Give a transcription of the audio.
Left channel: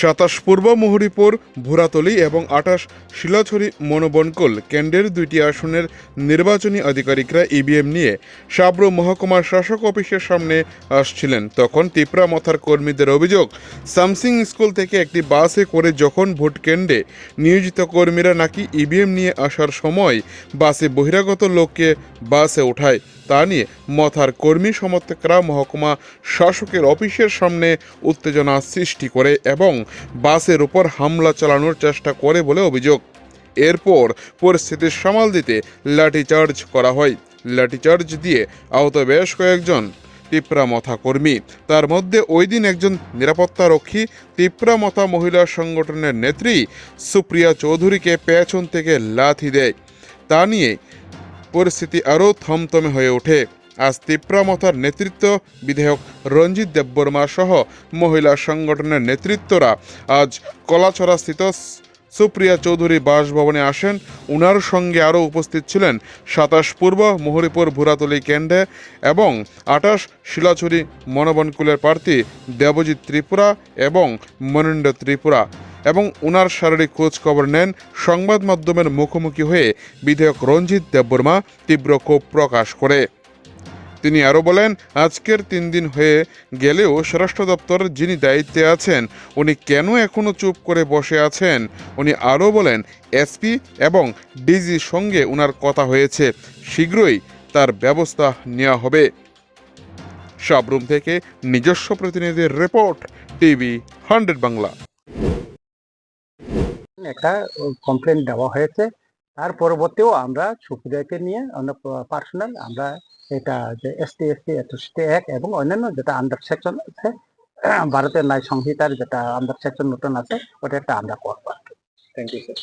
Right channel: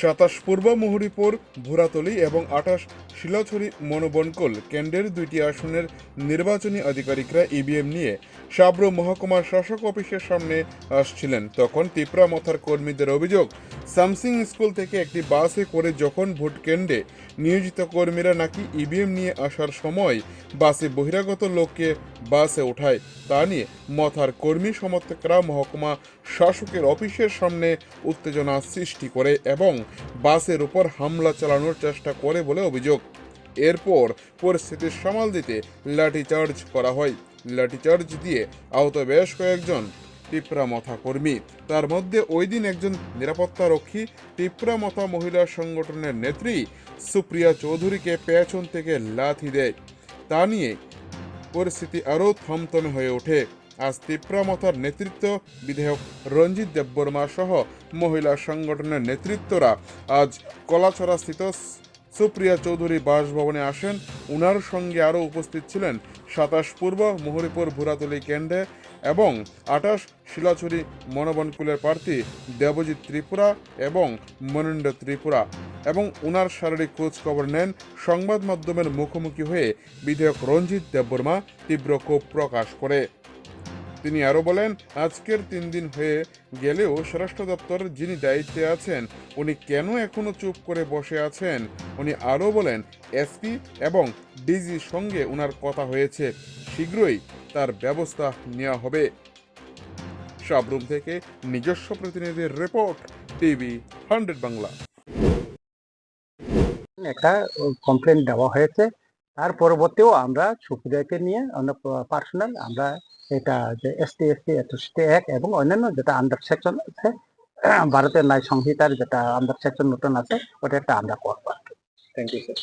27 পূর্ব মুহুরীপুর ভুরাতলী এবং 28 শিলাছড়ি মনোবনকল কেন্দ্রের 2টি আসনের নির্বাচনী আধিকারিকরা ইভিএম নিয়ে সাব্রু মহকুমার শাসক অফিসের সামনে আসছিলেন। তখন তিপ্রা মথার কর্মীদের অভিযোগ, সামসিং স্কুল থেকে একটি বাসে করে যখন ভোট কেন্দ্রে নিয়োজিত কর্মীরা নাকি ইভিএম নিয়ে আসার সময় বাসে বহিরাগত লোককে বাসে ওঠায়। তা নিয়ে মথার কর্মী সমর্থকরা মহকুমা শাসকের অফিসের সামনে উত্তেজনা সৃষ্টি করে এবং বাসের উপর হামলা চালানোর চেষ্টা করে বলে অভিযোগ। এরপর পরিস্থিতি সামাল দিতে লাঠিচার্জ করা হয়। লাঠিচার্জ দিয়ে আহত বেশ কয়েকজন তিপ্রা মথা কর্মী। তার মধ্যে ওই দিন একজন নিরাপত্তা রক্ষী তিপ্রা মথা মহিলা সংগঠনের নেত্রী সুপ্রিয়া চৌধুরীকে পেছন থেকে লাথি দেয়। তা নিয়ে পরিস্থিতি আরও থমথমে হয়ে ওঠে। আজ তিপ্রা মথার নেতৃত্ব বিধায়ক রঞ্জিত দেববর্মা সহ মহিলা সংগঠনের নেতৃত্বরা আজ কলাছড়াস্থিত সুপ্রিয়া চৌধুরী বাসভবনে আসেন। উনার সঙ্গে আরও উপস্থিত ছিলেন 27 পূর্ব মুহুরীপুর ভুরাতলী কেন্দ্রে এবং 28 শিলাছড়ি মনোবনকুলের প্রার্থী দেবজিৎ ত্রিপুরা এবং মনীন্দ্র ত্রিপুরা, এবং উনার শারীরিক খোঁজ খবর নেন। সংবাদ মাধ্যমের মুখোমুখি হয়ে বিধায়ক রঞ্জিত দেববর্মা তীব্র ক্ষোভ প্রকাশ করে। তিনি আরও বলেন, আজকের 3 দিন হয়ে গেলেও স্বরাষ্ট্র দপ্তরের যিনি দায়িত্বে আছেন উনি কেন এখনও চুপ করে বসে আছেন। উনি আরও বলেন, এসপি এবং ডিজির সঙ্গে উনার কথা হয়েছে, শীঘ্রই তার ব্যবস্থা নেওয়া হবে। সাবরুম থেকে নিজস্ব প্রতিনিধির রিপোর্ট, টিভি 100 বাংলা। একটা কমপ্লেন দেওয়া হয়েছে, তার পরবর্তীও আমরা সুপ্রিয়াকে নিয়ে পার্সোনাল আমরা এটা যে এসটি অ্যাট্রসিটি অ্যাক্ট এবং অন্যান্য যেটা আন্ডার সেকশন আছে ভারতের ন্যায় সংহিতার যেটা আন্ডার সেকশন নতুন আছে ওটা একটা আমরা করবো। Thank you sir.